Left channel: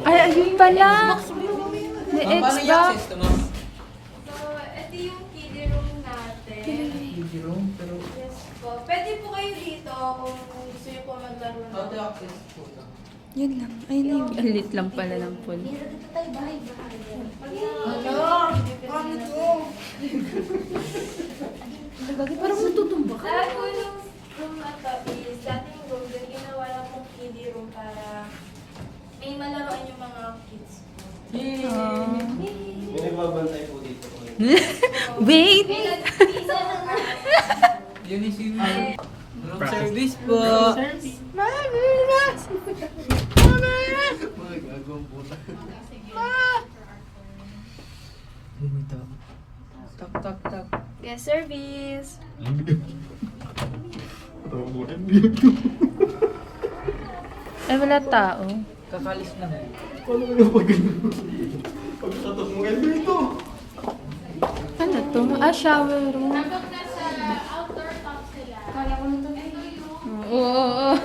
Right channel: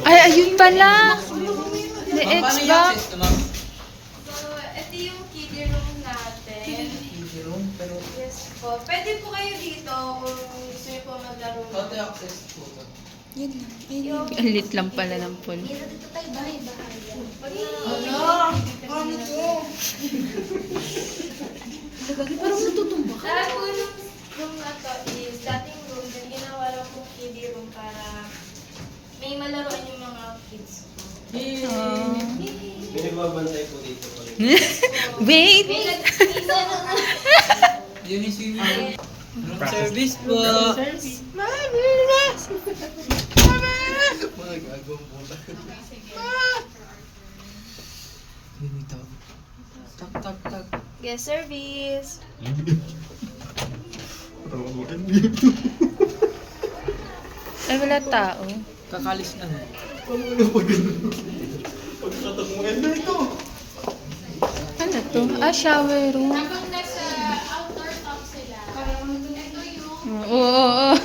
Ay, ayun pala. The Xbox. Ito yung kiddie room natin. Kiddie room, pero Yes po. Pwede po kayo dito kung gusto niyo po maglaro. pati access po. Yun lang. Ayun. Ang lit lang pala ng pool. Dito tayo bahay-bahay. Parang natutumba ka. Lahat po yung room na to is dating room. Then ginawa lang po kiddie room para may malaroan yung mga kids po. May nagbabantay po dito. Wait! Yun yung sino. Room service po. Mga gagawang puta. Yun ito. Tak, tak, tak. Guest service. Ay, wala tao. Kakalis lang. Ano to? Ah, shower room. Oo.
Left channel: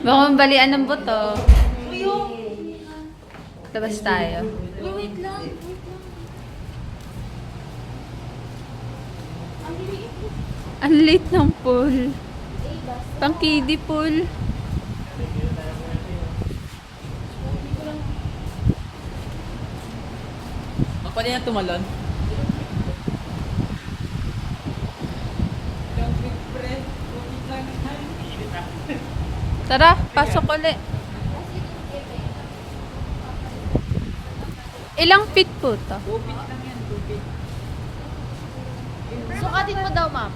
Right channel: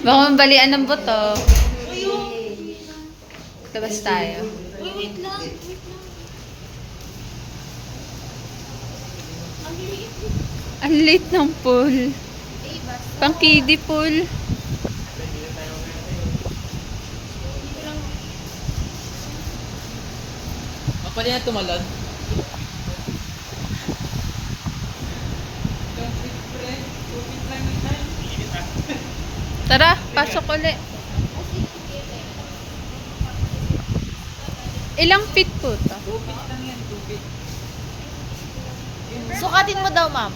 Baka mabalian ng buto. Labas tayo. Wait lang. Ang late ng pool. Pang kiddie pool. Mapali na tumalon. Tara, pasok ulit. Ilang feet po to? Sukatin mo daw, ma'am.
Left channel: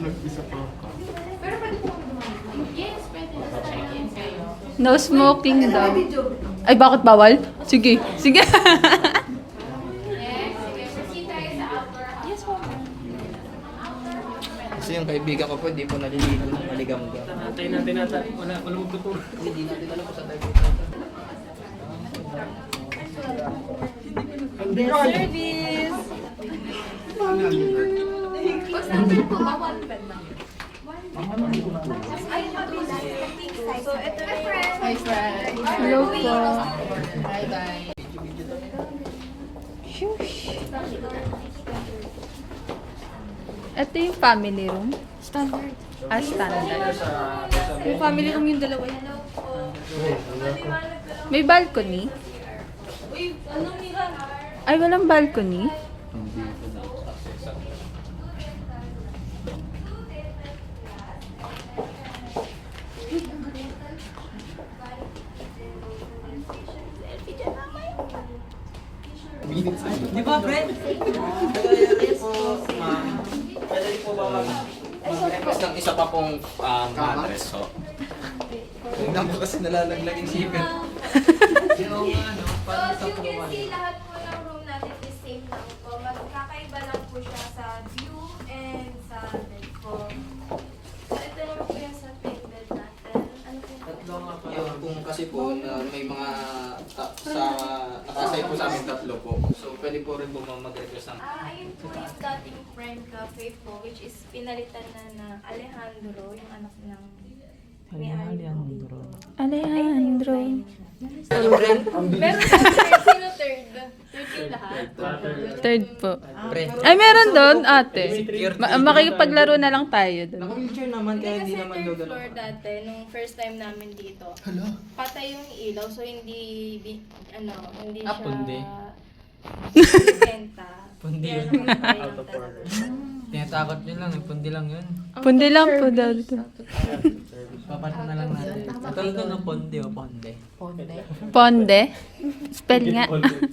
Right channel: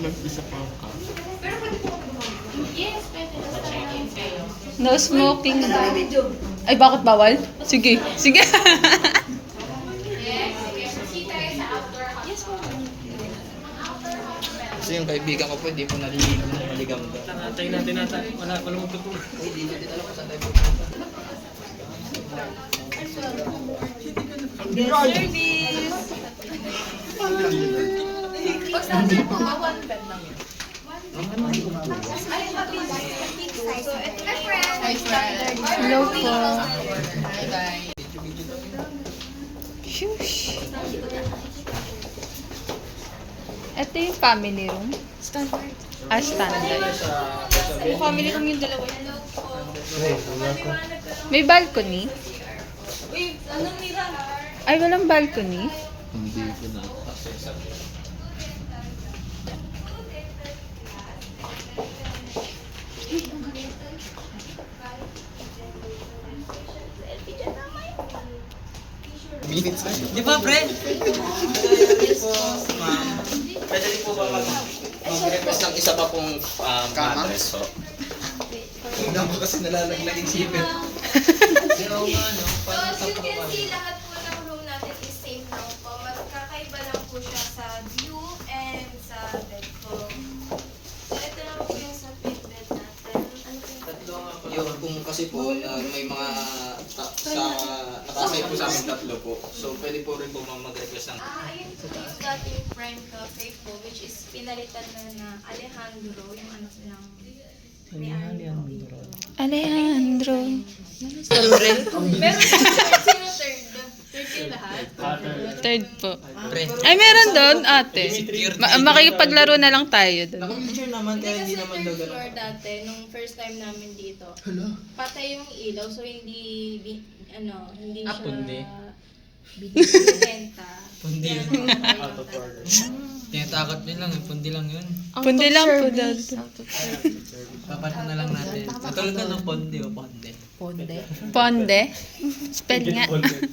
Nag-isa pa ka. Yes, pwede. No smoking daw. Ay, bakit bawal? Sige, sige. Kasi yung kaibigan ko po, hindi po naliligo, maligam ka. Tayo natin nata. Wala magtuturo. Hindi natin alam kung saan tayo pupunta. Hello po. Shush. Ito yung family room. Standard. Ah, standard. Yung family kong yung dalawa. May balcony? Uy, ano Mira? Ay, walang balcony? Hindi po na. Di ba, pre? Pwede po, ma'am. Pwede po ba mag-request ng isa pa pong mattress ho? Tingnan ko kasi nalalaglag yung sipin. Yung ano, So, parang as sa you can pang- see, lahat po ng room natin is same lang po. Magkakaiba lang po siya sa view and sa bed po. So, ito naman po yung sa twin bed natin. Ano po yung Tatlo nga po. Yung kung kasi po, may mga nakasay po sa amin tatlo po. So pwede po rin po mag-request ng... ayun po yung dating frame cafe po, which is pinalitan na Alejandro, yung anak nilang may-ari po dito. Alejandro. Pero sino third? Third kayo lahat? Third po. Pre, Ay, meron doon, ate. Makikipaglaro na lang tayo doon. naka-wheelchair naman kaya Hindi hindi kasi naman third daw ganun. floor dati, nung first time namin dito. Hala? Patay yung ilaw, so hindi, hindi siya... pundi. Benta. Pundi. Out of order. Tinatakot nyo lang, pundi lang yun. Pundi lang po daw dito. Papato na lang natin. Katulad ko ng ponde o ponde. Ponde. Spell nga.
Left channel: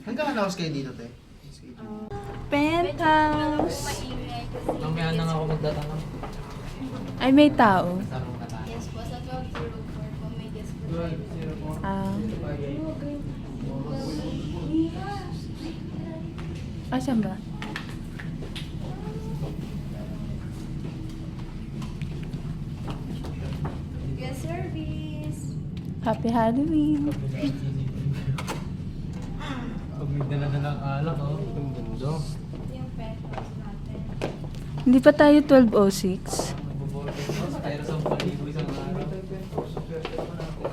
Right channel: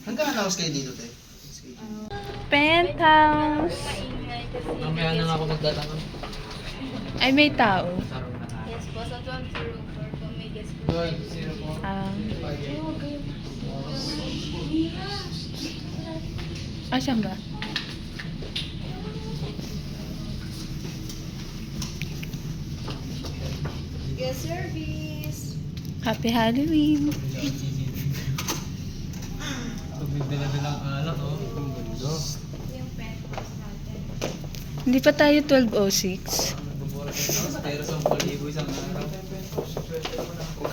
Hanggang announce kayo dito, te? Penthouse. Maingay kasi. Mamaya na nga ako magtatanong. Ay, may tao. Taro na tayo. Yes po, sa 1204 po may guest po. Yun, zero po. Ah. Saan ba? Guest service. Happy Halloween. Pag may dala-dalang alak, oh. Ang ganda. Yung penthouse natin. Hindi pa tayo 12:06. Pero sa palibo isang araw.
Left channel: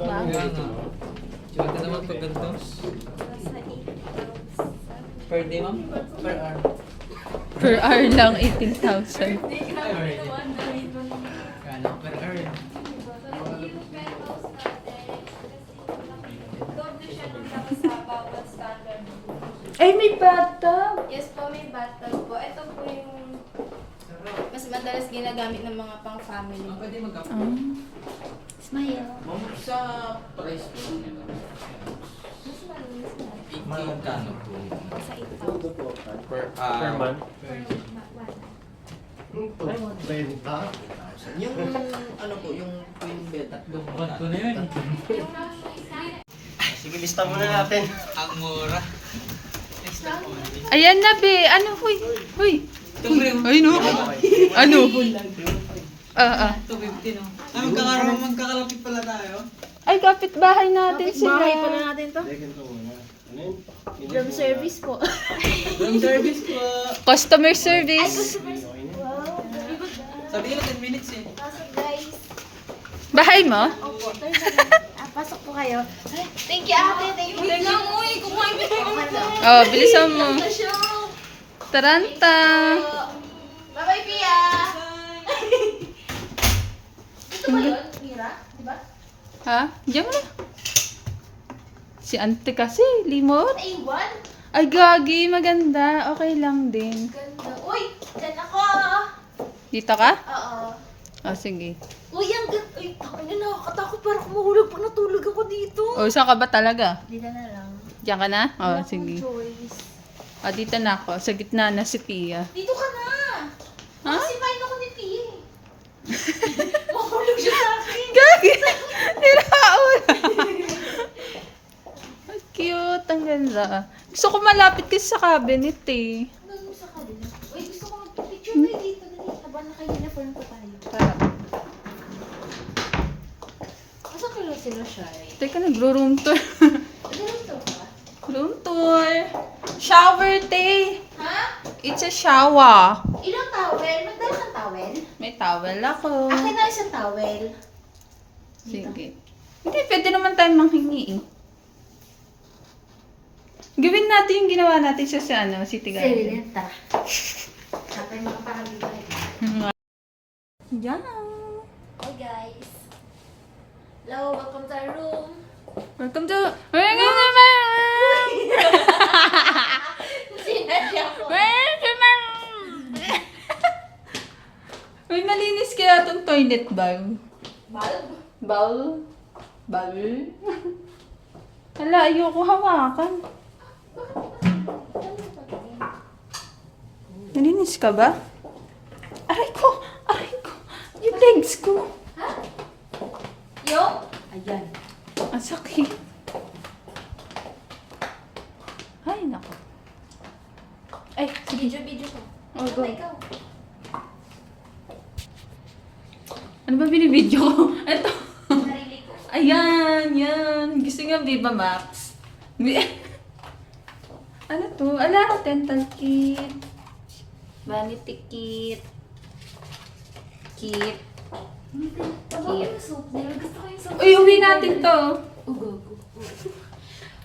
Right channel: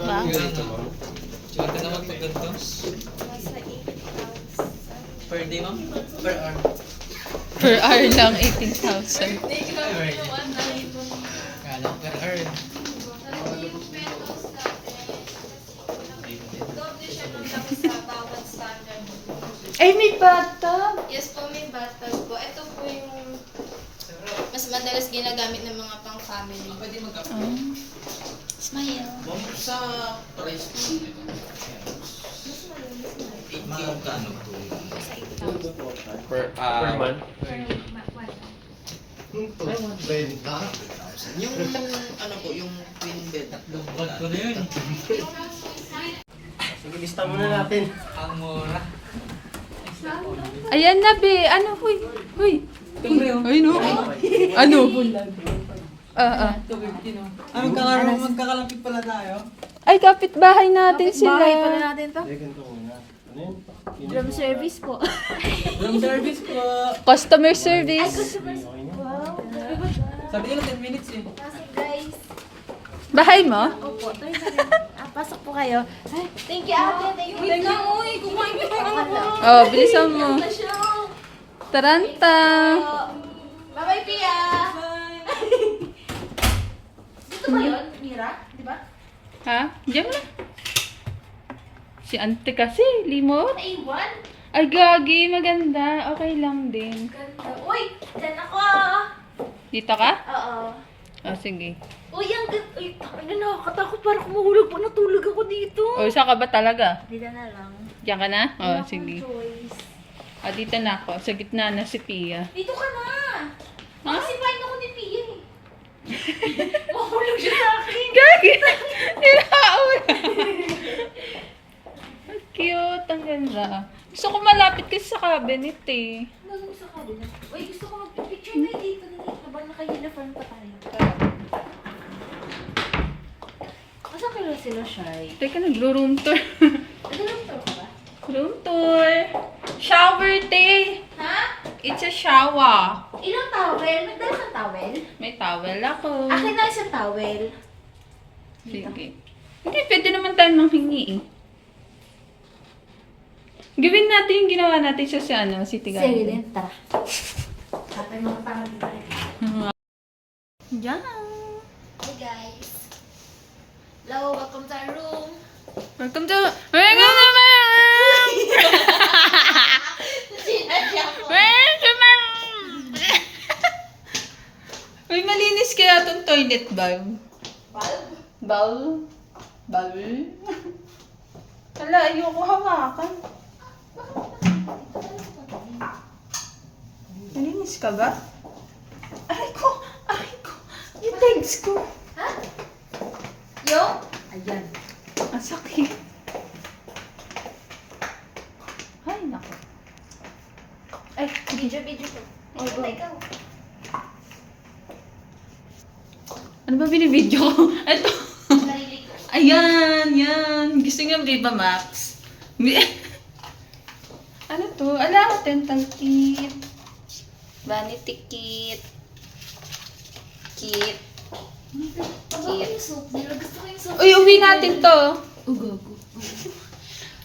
Bakit? Swerte naman pag ganito. Nasa 8,000. Per day, ma'am? Per hour? Per hour lang, 18,000. Hindi ka naman na Kala, per hour. yung penthouse natin. Doble siya nung tapos sa bawat standard. Ay, may bathtub! Yes po, may bathtub po. Ito po yung mas madalas ginagamit ng mga pang-family. Pwede magkape. Smile. Sa price po. 8K kano po. Per month. Yung ano po, yung twin bed. Tatlong Ba't ko na yun? Sige, lista muna natin. Ang mura. Ayan na, be. Ano, huy? Huy. Ay, no. Ano? Magkakalapit pala tayo. Ay, kapitbahay natin sila. Bahay pala natin to. Room service po. Customer service. Wow, very good. Sabi nila 10 minutes eh. Pasok guys. Bahay mo? Opo, tayo na. Pasok po kayo. Ay, thank you ate, thank you. Wait lang, uy, kumain ka naman. Oh, bilisan mo. Taranta. Bye-bye, Pia. Dito ba yun, Mira? Diba? Ha? Diyan mo na. Si ante kasi, limot. A1? Ay, gagi, maganda. Okay lang din. Ganda. Uy, dyan ako. Dito ka? Oo. Oh, sige. Uy, ang ganda. Uy, tangin na, nakakatakot. Parang mahulog pa natulog ako dito. O, saan ka ba talaga? Dito na lang. Diyan ka na? Wala Oh, akong sige. choice. Ah, dito na ako. Sa gitna na si Pia. Dito ka na. Ha? Kasi fine ako ni Pia eh. Mahulog siya sa akin. Gagi! Niraon! ang ganda. Gusto ko malapit kasi sa cabinet eh. Ano mo sa kabila? Uy, gusto ko mag-picture kayo dito. Habang naka-uniform pa tayo. Asan kayo sila, Shai? Teka, nagro-room tour. Nag-room tour ka ba? Room tour. Shower day. Ha? It's a shower. Ilang towel? Nagdala kang towel? May towel ako. Akin na isang towel. Sige. Hindi, pwede naman tayo manghingi eh. Gawin natin yung ginawa natin siya sa ano, City Garden. Silent, tara. Tapos yung mga parang dito na. Yan. Hi guys. Hello, welcome to our room. Welcome to... Welcome to my room! Sinadya ko. Welcome to my room! Uy, malinis kaya itong toilet bowl. Bulb? Bowl? Bowl? Wala, ayoko hawakan. Nalinis ka ba? Aray ko! Aray ko! Yung legs ko! Ha? Yung? Ayan. Ang sakit. Ay, nako. Ay, Video ko. oh, go. Ikaw. Ano ba binibidyo ko? Ito. Sarili ko. Ayan, yan. Gusto nga Viva Max. Ano to? Ala ko, dental kit. Vanity kit. Kit. Pagod yung soap nila. Gusto ko yung soap. Uy, uwi natin to. Ugo.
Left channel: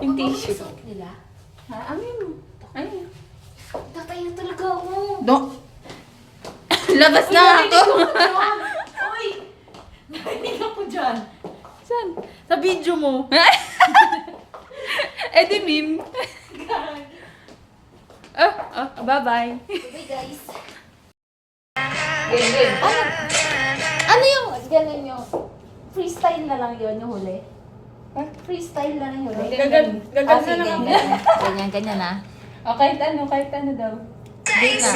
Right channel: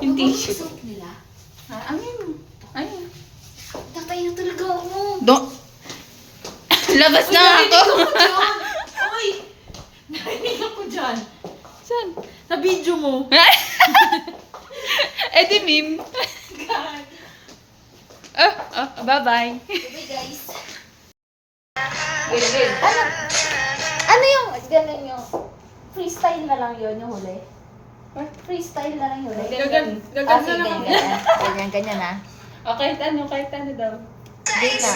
Yung Pagod yung tissue. soap nila. Ha? Amin mo. Ayun. Tatay na talaga ako. Do. Labas na ako. Uy! Narinig ako dyan. Saan? Sa video mo. Eh di meme. Bye-bye. Okay guys. Ano yung ganun yung freestyle na lang yun yung huli? Freestyle na lang yung huli? Gaganda na kami. Ganyan na. O, kahit ano daw. Hindi na.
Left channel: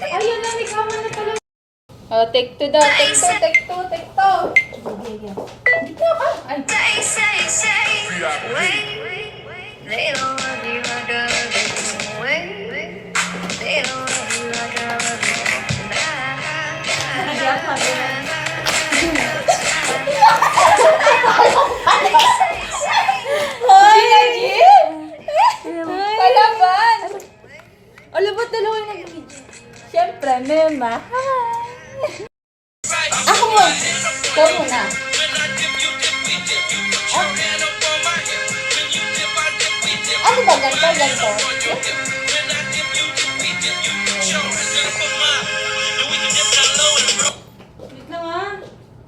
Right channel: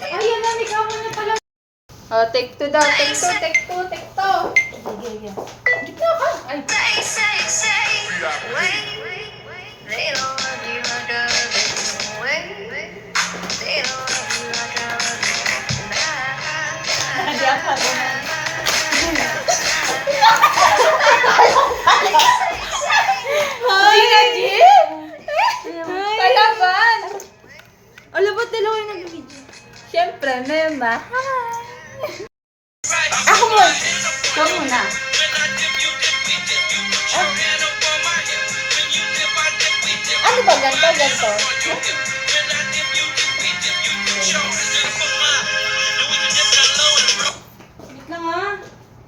Ayun na, may kama na pala. Oh, take two daw. Take two. Sige. Dito ka. Ay. Gina G? Palaban. Alam ba dalawa yung nag-video? Siyempre, Mema. Ako mo! Ikaw muna. Ano ba? Ganto? Wait lang ha.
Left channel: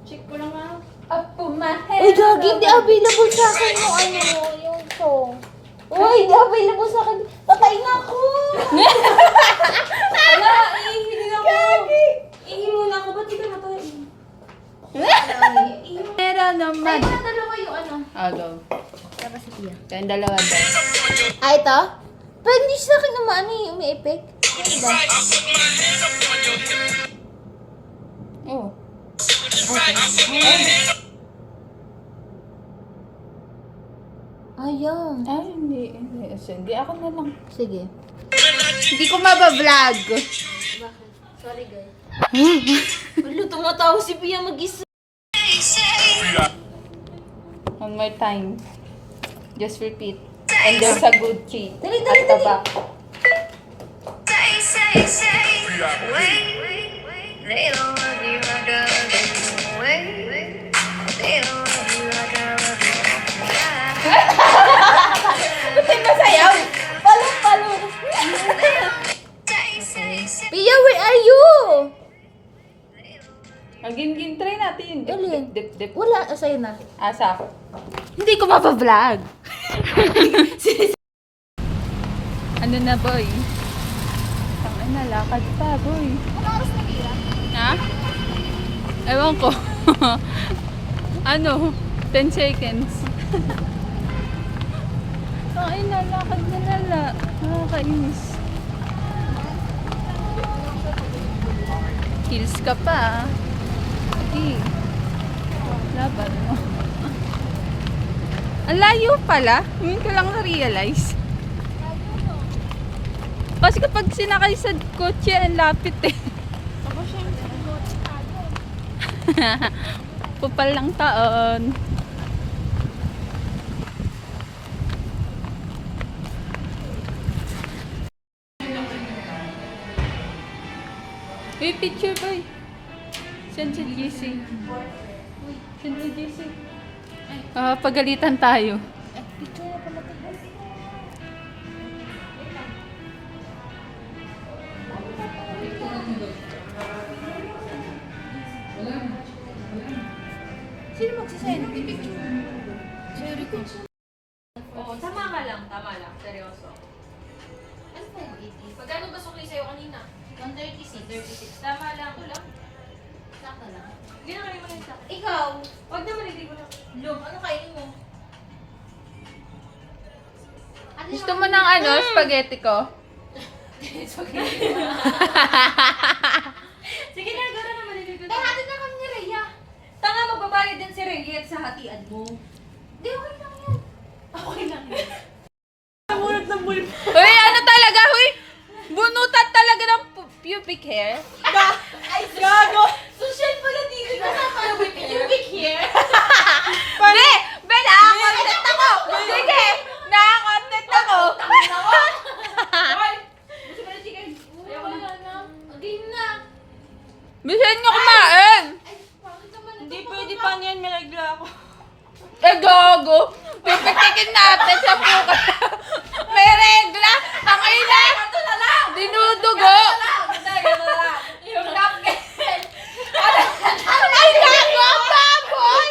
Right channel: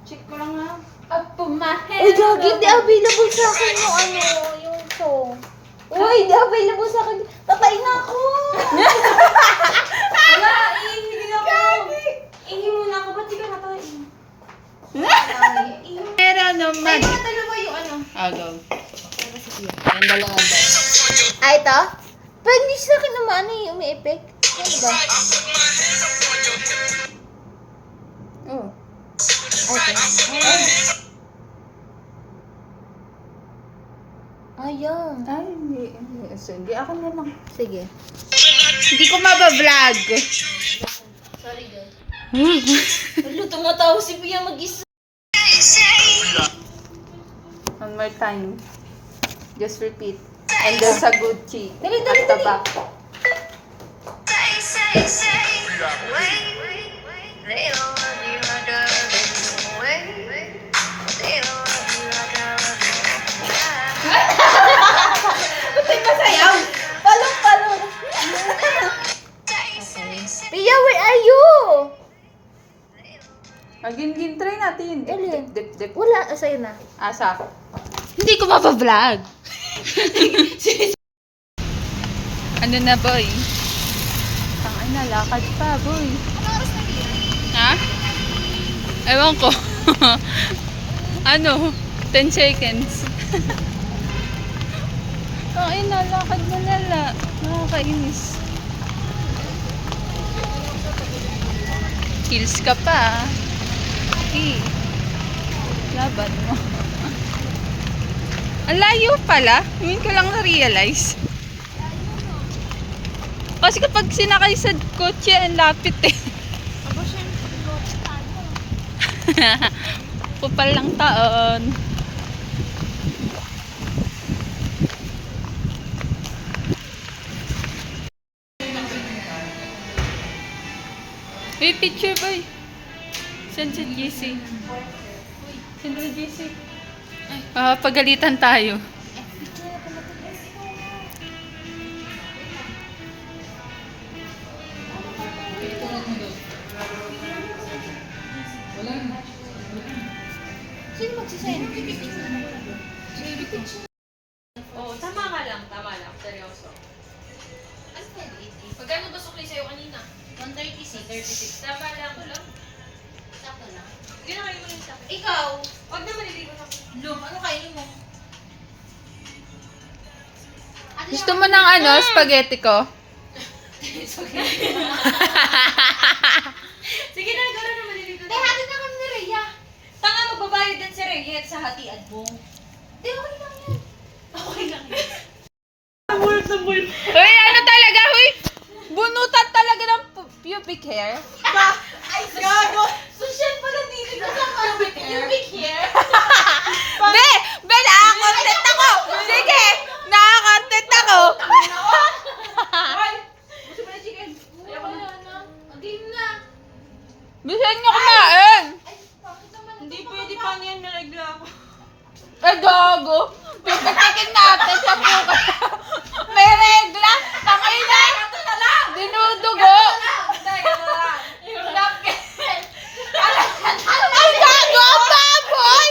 Check ko lang ha. Up to my head. Uy, Gagi, hindi available sa akin yung song. Uy, hindi available sa akin. Tatay na ako! Wala, ihiling ako. Ihi muna ako. Ba't di ka natayin? Meron naman. Ay, yung dalawa yung ano. Go. Yung dalawa daw. Ah, ito? Pero hindi sa akin naman ano yung umi-effect. Ano ba? Oh. Okay. Ayun. Ay, hindi. Sige, ako na lang. Sige. Hindi ko mabablog. Sorry, guys. Wala, tumatawa si Pia mag-isa. One more time. Just repeat. And there's a good key. Dali. At the back. Masayaw! Palong-palo! Pia, where are you? Maging try natin. Alin? Dip. Wala, sa'yo na. Asa ako. Hindi ko mabablog. Ano na boy? Ang Ay, nalakad pa, boy. Ano oras na yan? Ha? Ewan ko. Ano? 10 seconds. Ay, nalakad na nala. Nakakainis. Kills ka pa. Eh. Laban mo. Ang layo pala. Ngayon ko lang na-realize. Kasi kapag sinakay sa kotse, ang lapit eh. Aba, syempre. Kupal lang taon. Hey, picture boy. Send sa GC. Send sa GC. Pagalitan tayo. Sino magsisend? Oo, tama ka lang, seryoso. Ano pa yun? 80? Magkano ba sukli sa'yo kanina? 136. 36. Tama lang. Sakto lang. Hindi na kayo mo rin sa akin. Ikaw? Huwag na maliligo ka. Lum, ano kainin mo? Gusto mo ng ano, spaghetti ko? Sige na, gara na maliligo. Eh, hatid na kami ni Rhea. Tanga, magbabayad din si Reyet sa hatian mo. Di, okay lang yan. Okay lang yun. Uy, ano talaga? Uy, bunutan talaga ng pubic hair. Ay, gago! Social pala dito ka sa pubic hair. Pubic hair? Be! Be, nakakontent ako! Sige! Nakakontent ako! Hoy! Gusto mo na chicken? Ayoko na. Hindi na. Bisan nyo kumain! Ay, bakit naman? Hindi pwede pa niyan, may regla ako. Eh, gago! Pipitikin natin sa buka. May regla! Tangay na! Ito na lang! Dinudugo! Talaga na lang. Yung napkin. Ay, gago! Ang baboy!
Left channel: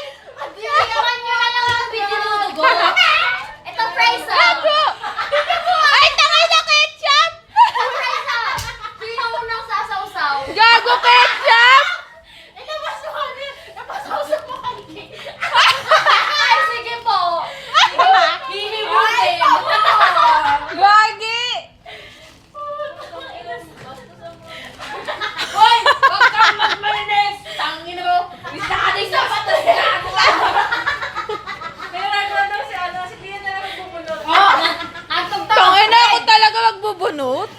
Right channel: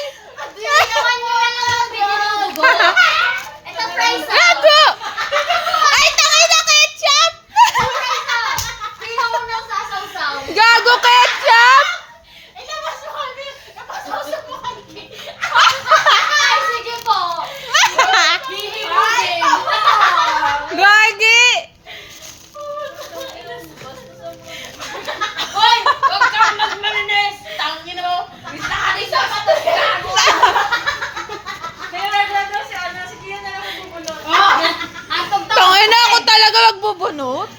Hindi naman nyo na lang ang binudugo. Ito, fries ah. Gago! Ay, tangay na ketchup! Fries ah. Sino mo nang sasawsaw? Gago ketchup! Eh, nabasa ko na. Napasawsaw mo kanina. Ay, sige po. Hihimutin. Gagi! Hoy! Huwag kang magmalinis! Tangin mo! Bisa ka din sa talaga ako! May regla daw si ano, si Pia na lang magpupunod. Tangay na ako talaga magbubunot.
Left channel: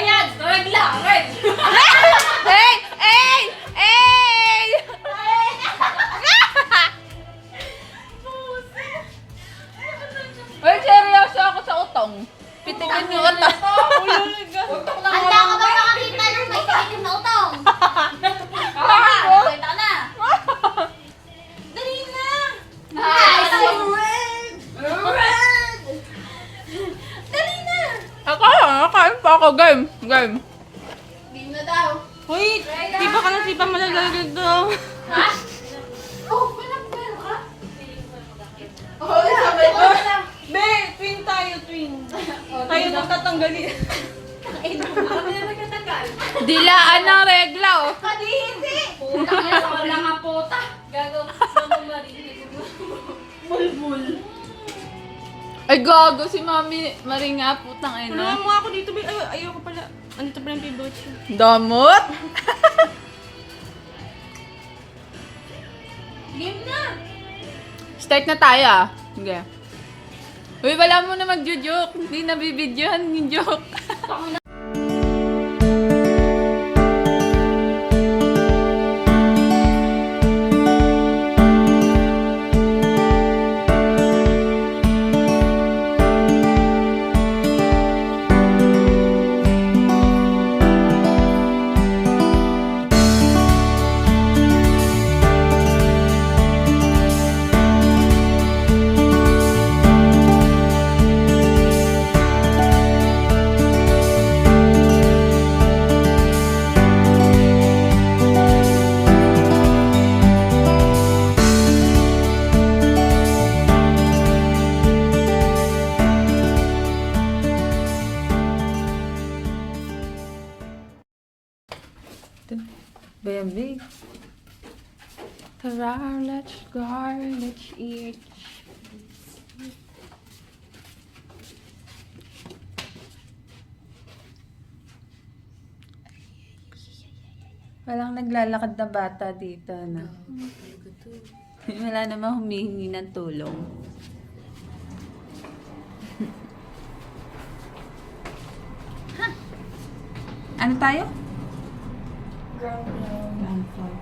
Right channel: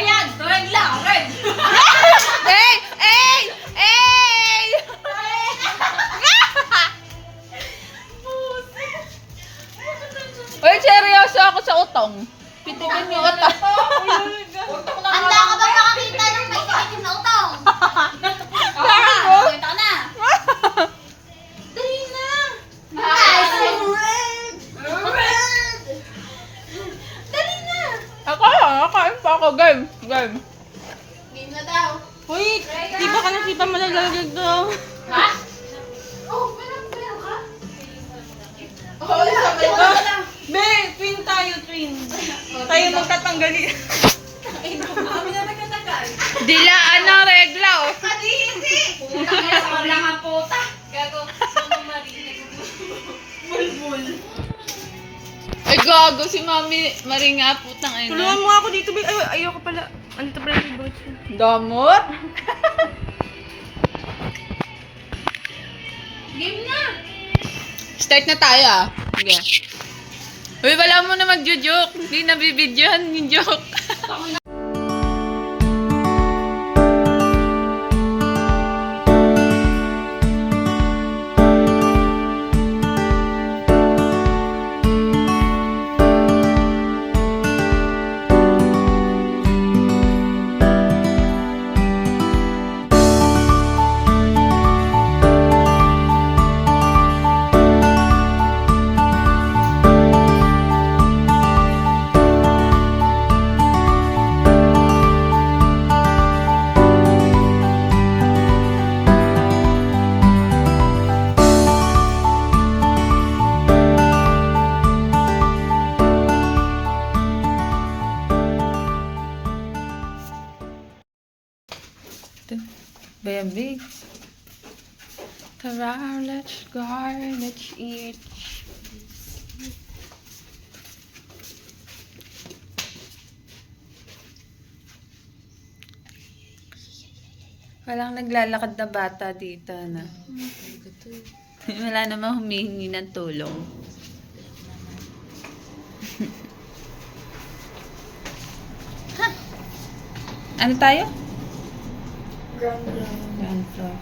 Ayan! Regla! Red! Hey! Hey! Hey! Uy, seryoso ako sa utong. Pitikin yung utong. Utok lang Handa ka ba makakita ng may sakit na utong? Gago! Nakita ka na. Dali na. Ay, so red. Red. Dali na. Ako, kain pa ako. Game. Game. Game na daw. Uy! Di ba ka na si Pam malaglag daw? Ha? Oh, meron ka? Oo, sabi ko. Be, twin tayo, twin. Tayo mo tatanggalin. Kami na nagtatagal. Dilaan ng regla, oh. Hindi! Puta ka sa wala nga puta. Gago. Mama Marie. Mulmul. Ay, gago si Mami Maringa, putang ina. Tulungan mo nga ako dito, be. Ay, ayoko pala. Ano to pala yung favorite ko? Damot? Game na. Start na tayo, ah. Sige. Uy, wala mo na mag-joke. Hindi nabibidyohan yung joke. baby. Tara, let's go. Let's eat. Walang naglalakad na bata dito na. Wala namang humihingi ng tulong. Ha? Ano tayo? Ground floor.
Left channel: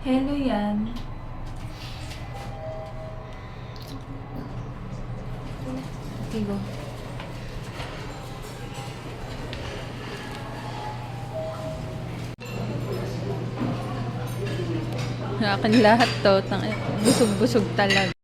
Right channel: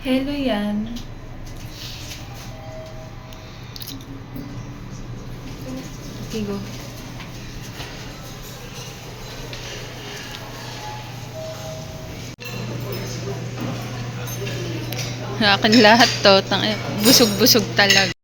Hello yan. Okay, go. Akin lahat to. Busog-busog talaga.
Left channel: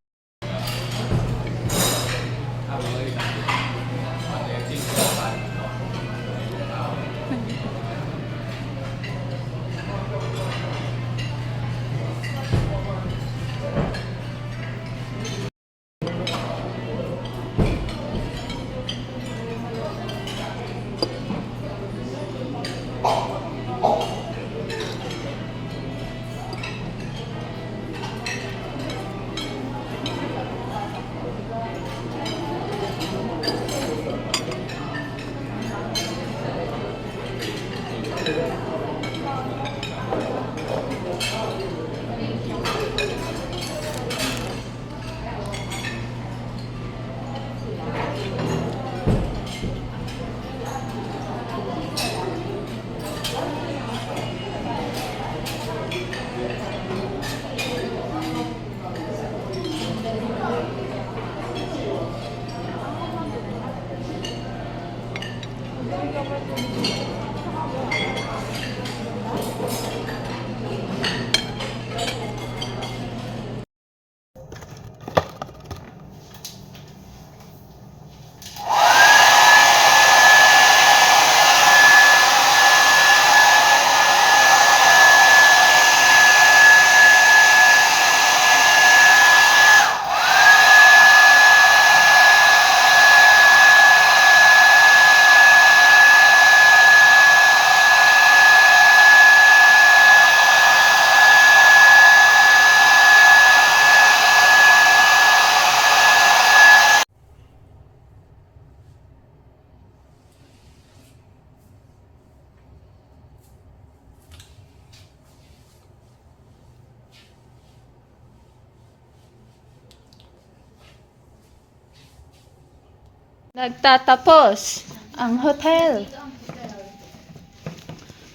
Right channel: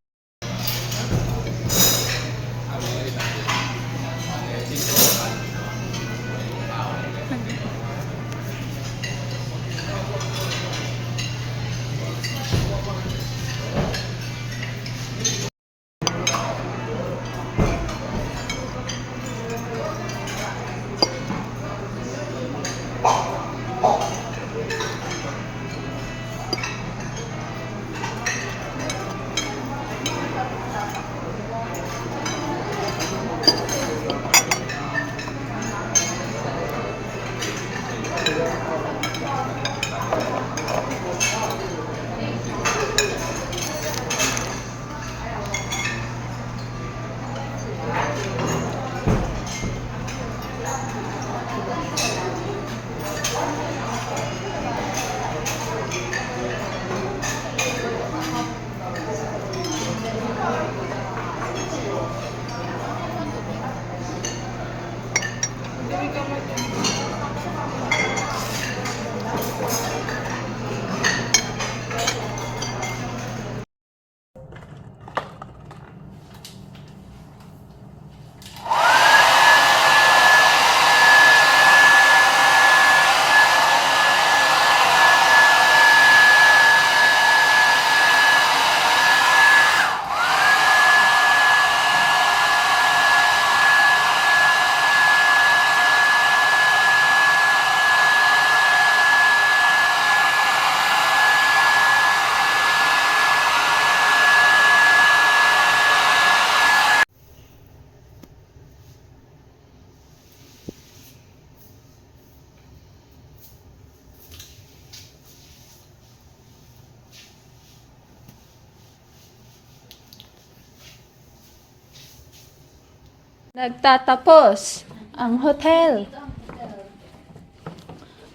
Nagtatapos ang hotel.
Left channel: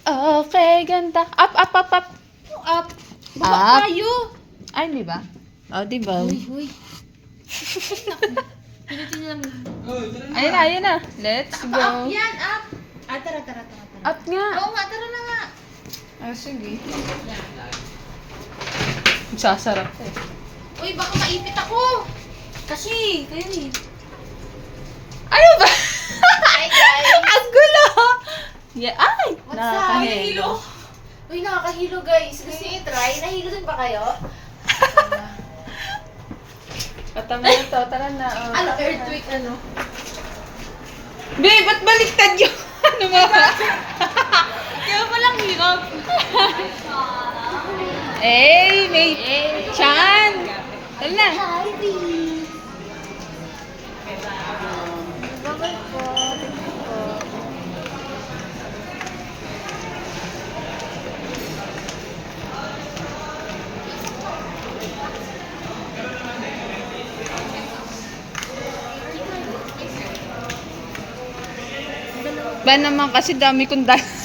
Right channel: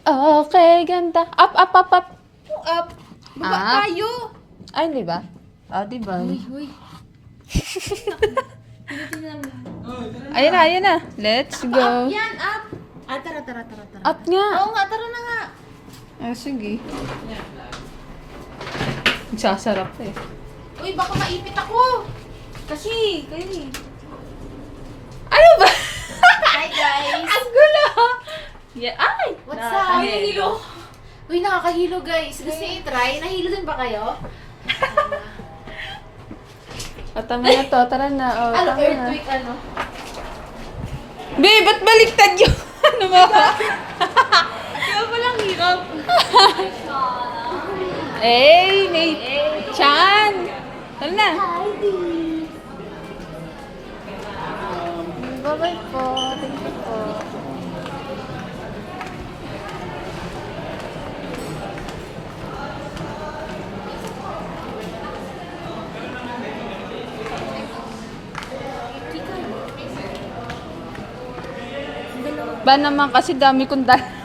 Okay, ganda. Up, up, up, up. Up! Up. Tayo! Ay, di ba? Oh, di ba? Ayun na, ayun na. Let's go. Yan, up! Tara. Up nga. Oo nga, tara na nga. Ay, sige. Sasarap eh. Uy, baka maipit ako. Kasi, kayo eh. Ano ba? Hi guys! Ang gulo! Yeah, ay! What's up? Nakakahilo. Uy, nakakahilo guys. Gusto niyo i-try? Nahilo din ba kayo? Patama na to, tara na. Oh, Ano, tara na. earthquake ano? Babe, ba't baliktad yung ano mo? Kaya palang hirap. Hey, may Chan! Tara na. Hi, Dee. Bye-bye po. Thank you po. Ba naman kasi dami kong dala.